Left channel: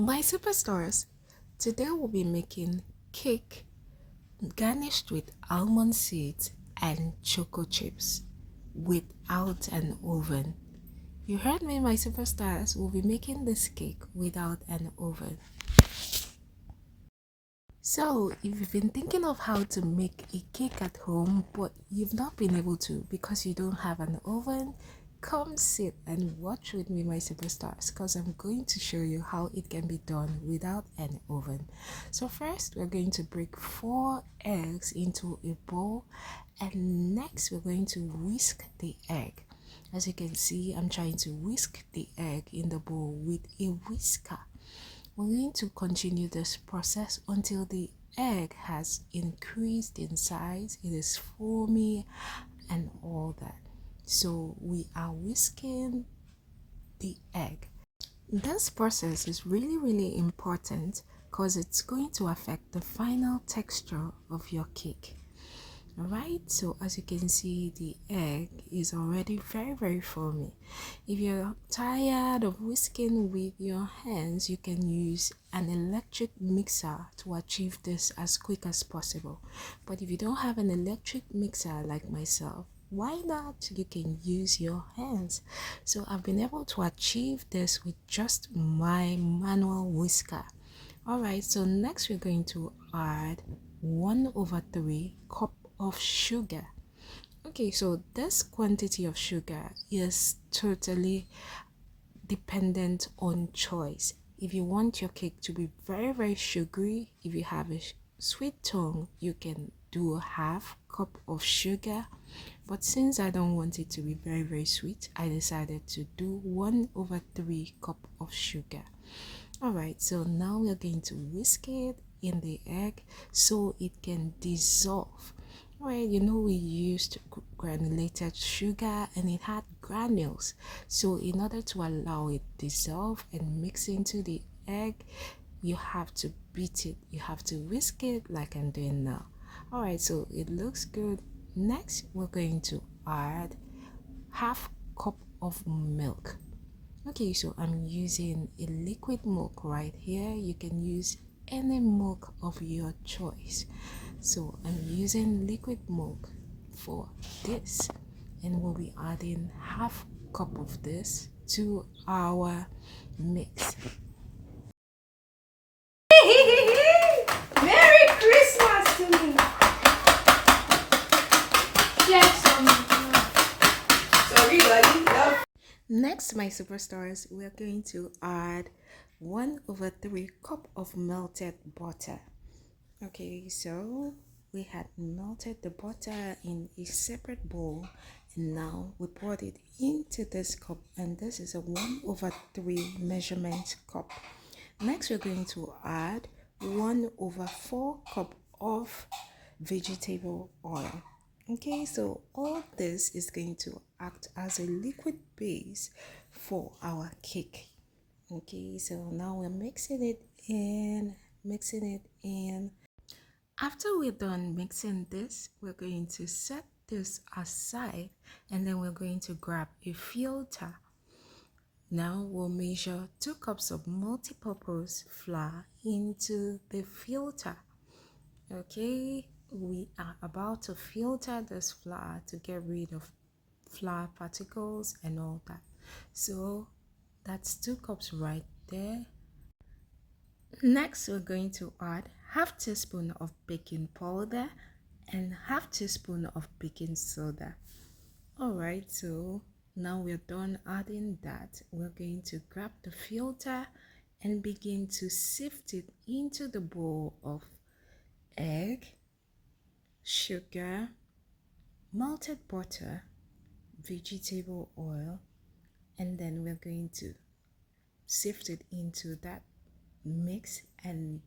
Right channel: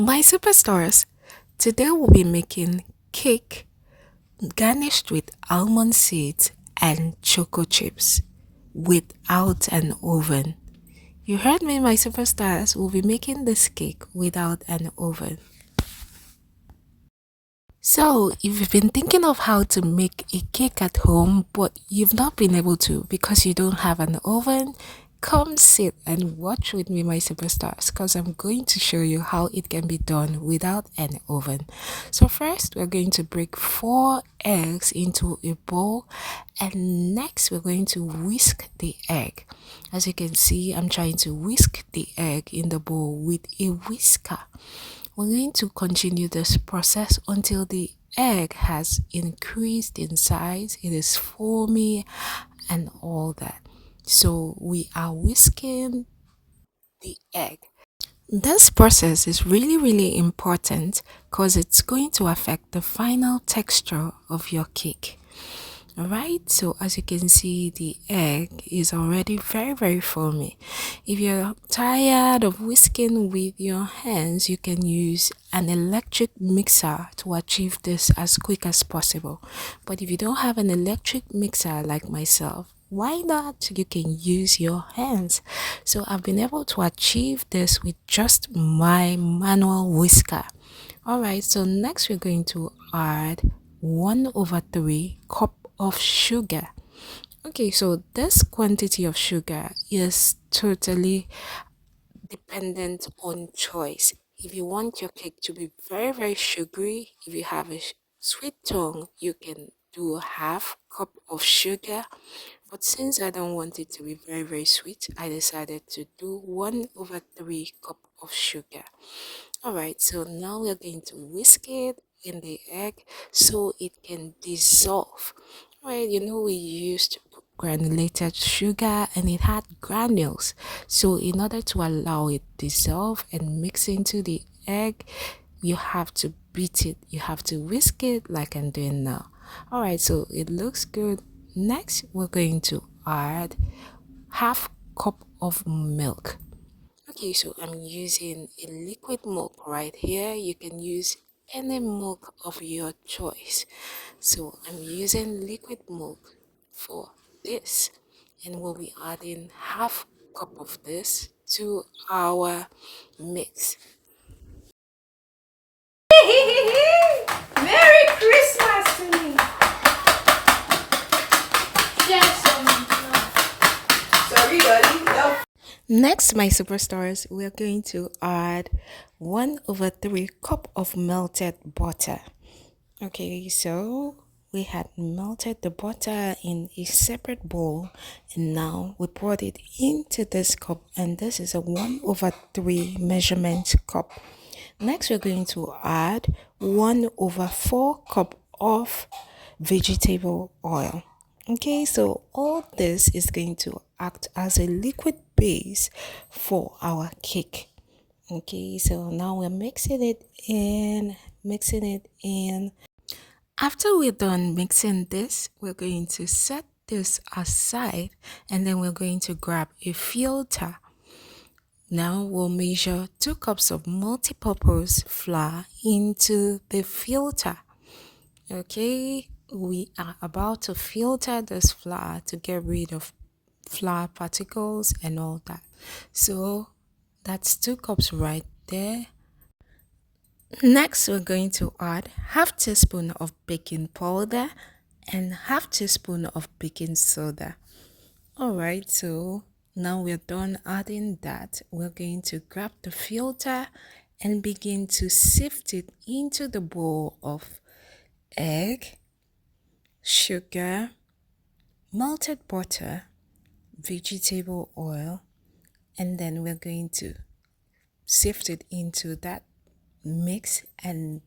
My superstars, today we'll be making cake garnished with almond seeds and choco chips without an oven. You heard me, my superstars. We'll be making this cake without an oven. So, if you've been thinking of how to make a cake at home, but you've not been able to because you don't have an oven, come sit and watch with me, my superstars, because I'm going to show you how it can be done without an oven. So, first, we're going to break 4 eggs into a bowl, and next, we're going to whisk the egg. As you can see, I'm trying to whisk the egg in the bowl with a whisker. We're going to continue this process until the egg has increased in size, it is foamy and all that. So we are whisking the egg. This process is really important because it's going to affect the final texture of your cake. Alright, so as you can see, the egg is already very foamy. If you're tired of whisking with your hands, you can use an electric mixer to achieve this as quick as possible. But if you don't have an electric mixer like myself, why not? You can use your hands. So I've been able to achieve this with just my manual whisker. Alright, so next we're going to add 1/3 cup of sugar. Okay, so this quantity of sugar is totally dependent on choice. If you want your cake to be very sugary, if you have a sweet tongue, you can do a half cup of sugar. But since I don't want it to be very sweet, I decided to do 1/3 cup of sugar. Alright, so now we're going to whisk it in the egg so it can dissolve. Right, you know we used granulated sugar and it had granules. So in order to allow it dissolve and mix into the egg, you have to beat it. You have to whisk it like I'm doing now. Alright, so it looks good. Next, we're going to add half cup of milk. Okay, so I'm using a liquid milk right here. You can use any milk of your choice. So I'm using liquid milk for this, and we'll be adding half cup of this to our mix. Merry Christmas to me. Yes, sorry, buddy. No. Next, my superstars, we're going to add 1/3 cup of melted butter. Okay, so we had melted the butter in a separate bowl, and now we poured it into this cup, and this is a 1/3 measurement cup. Next, we're going to add 1/4 cup of vegetable oil. Okay, so all this is going to act as a liquid base for our cake. Okay, so now we're mixing it in. After we're done mixing this, we're going to set this aside, and then we're going to grab a filter. Now we'll measure 2 cups of multi-purpose flour into the filter. Okay, we are about to filter this flour to get rid of flour particles and all that. So that's 2 cups right there. Next, we're going to add half teaspoon of baking powder and half teaspoon of baking soda. Alright, so now we're done adding that. We're going to grab the filter and begin to sift it into the bowl of egg, sugar, melted butter, vegetable oil, and then we're going to sift it into that mix. And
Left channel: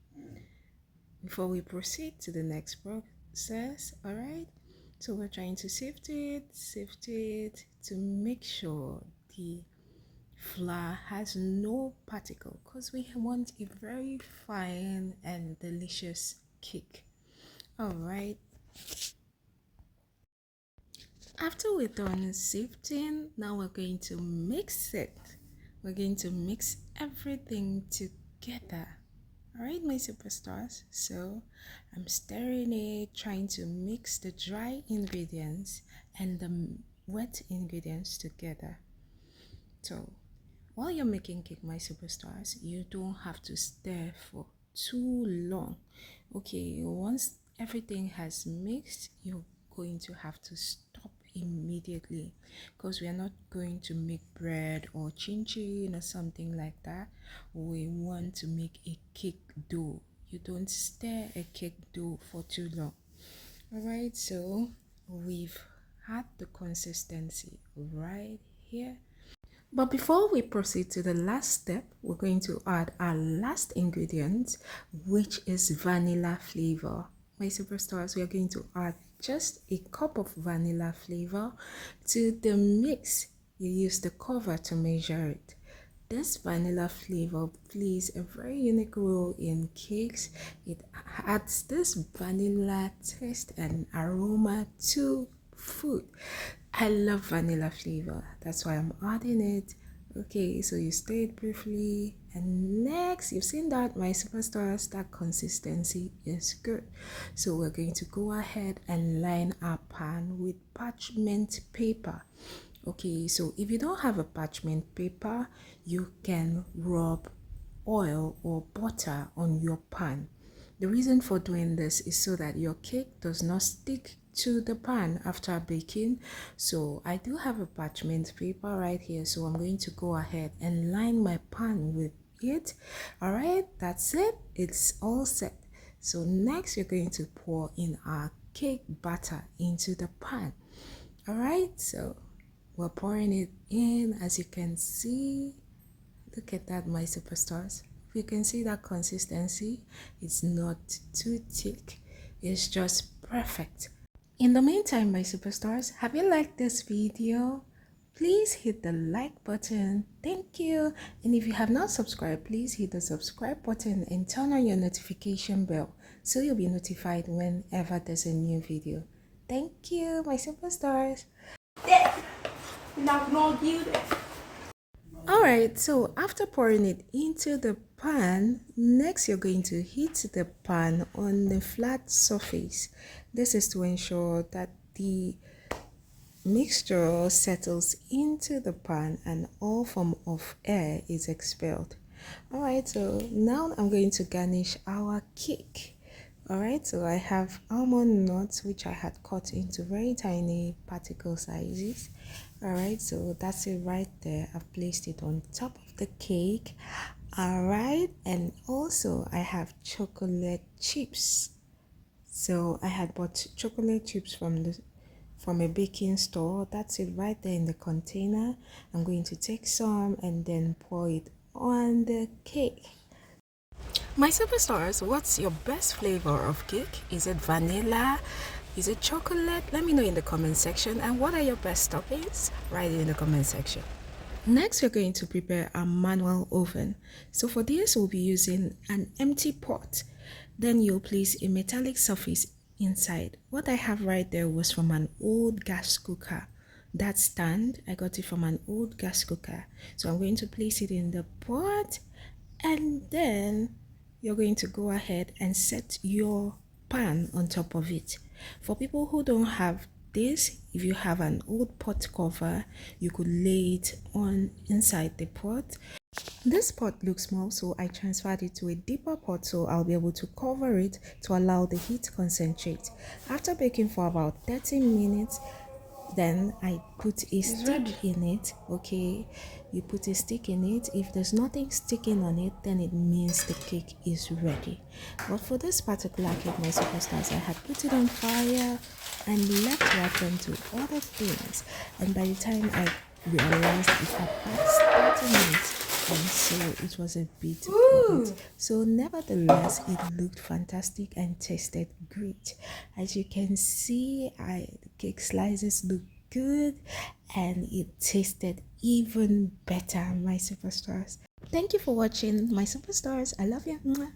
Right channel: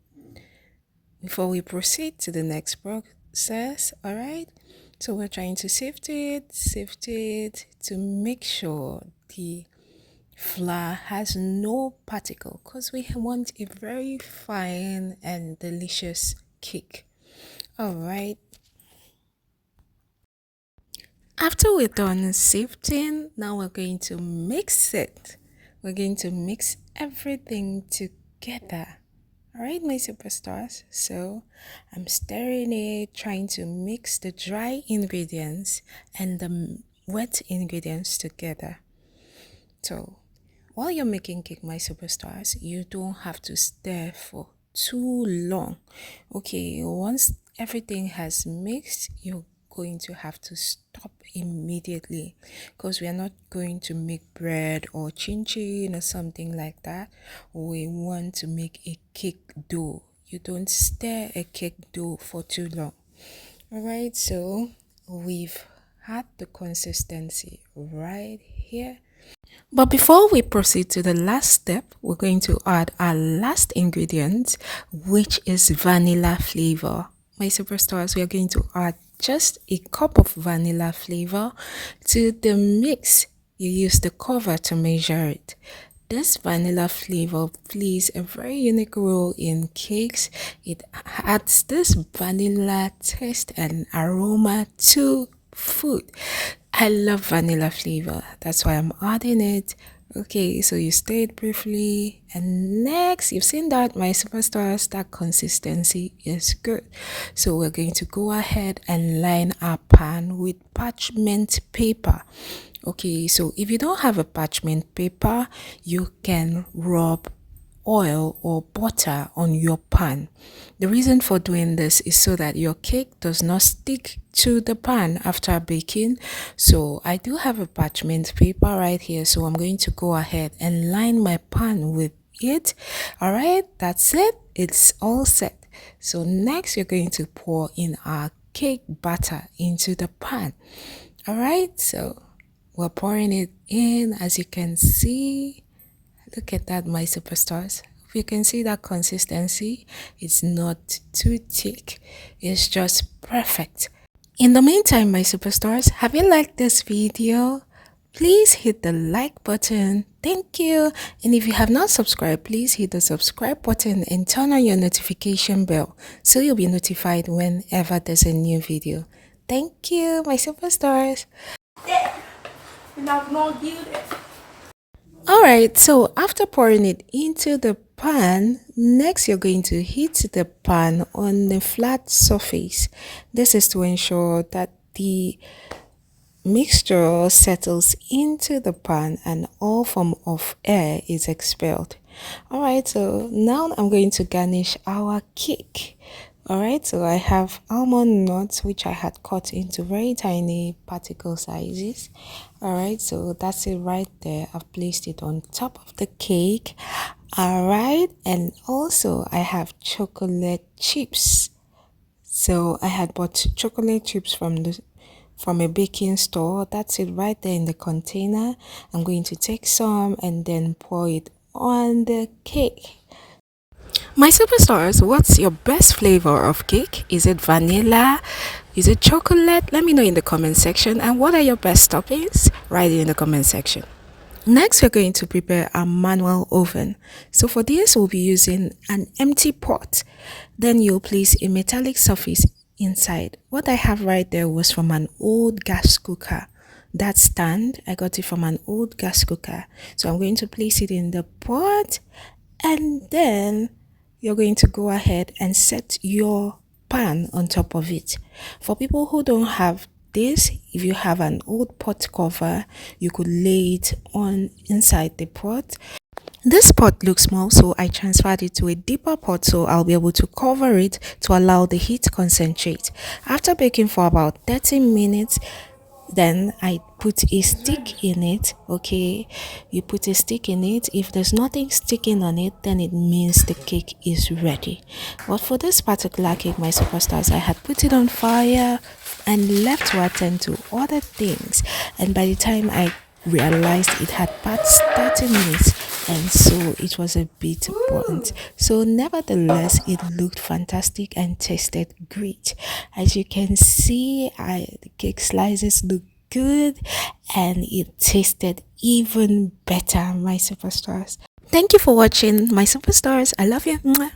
before we proceed to the next process, all right, so we're trying to sift it to make sure the flour has no particle, because we want a very fine and delicious cake. All right, after we're done sifting, now we're going to mix it. We're going to mix everything together together. All right, my superstars. So I'm stirring it, trying to mix the dry ingredients and the wet ingredients together. So while you're making cake, my superstars, you don't have to stir for too long. Okay, once everything has mixed, you're going to have to stop immediately because we are not going to make bread or chin chin or something like that. We want to make a cake dough. You don't stir a cake dough for too long. All right, so we've had the consistency right here. But before we proceed to the last step, we're going to add our last ingredient, which is vanilla flavor. My superstars, we are going to add just a cup of vanilla flavor to the mix. You use the cover to measure it. This vanilla flavor plays a very unique role in cakes. It adds this vanilla taste and aroma to food. I love vanilla flavor. That's why I'm adding it. Okay, so you stirred briefly, and next you've seen that my superstars, that consistency is good. So we're going to go ahead and line our pan with parchment paper. Okay, so if you don't have a parchment paper, you can rub oil or butter on your pan. The reason for doing this is so that your cake does not stick to the pan after baking. So I do have a parchment paper right here, so I'm going to go ahead and line my pan with it. All right, that's it. It's all set. So next we're going to pour in our cake batter into the pan. All right, so we're pouring it in. As you can see, look at that, my superstars. You can see that consistency. It's not too thick. It's just perfect. In the meantime, my superstars, have you liked this video? Please hit the like button. Thank you. And if you have not subscribed, please hit the subscribe button and turn on your notification bell so you'll be notified whenever there's a new video. Thank you, my superstars. Alright, so after pouring it into the pan, next you're going to heat the pan on a flat surface. This is to ensure that the mixture settles into the pan and all form of air is expelled. Alright, so now I'm going to garnish our cake. Alright, so I have almond nuts which I had cut into very tiny particle sizes. Alright, so that's it right there. I've placed it on top of the cake. Alright, and also I have chocolate chips. So I had bought chocolate chips from a baking store. That's it right there in the container. I'm going to take some and then pour it on the cake. My superstars, what's your best flavor of cake? Is it vanilla? Is it chocolate? Let me know in the comment section. And what are your best toppings? Write it in the comment section. Next, we're going to prepare a manual oven. So for this, we'll be using an empty pot. Then you'll place a metallic surface inside. What I have right there was from an old gas cooker. That stand, I got it from an old gas cooker. So I'm going to place it in the pot, and then you're going to go ahead and set your pan on top of it. For people who don't have this, if you have an old pot cover, you could lay it on inside the pot. This pot looks small, so I transferred it to a deeper pot so I'll be able to cover it to allow the heat to concentrate. After baking for about 30 minutes, then I put a stick in it. Okay, you put a stick in it. If there's nothing sticking on it, then it means the cake is ready. But for this particular cake, my superstars, I had put it on fire and left to attend to other things, and by the time I realized it had passed 30 minutes, and so it was a bit burnt. So nevertheless, it looked fantastic and tasted great. As you can see, the cake slices look good and it tasted even better, my superstars. Thank you for watching, my superstars. I love you. Mwah.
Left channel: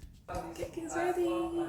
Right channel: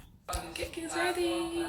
Cake is ready.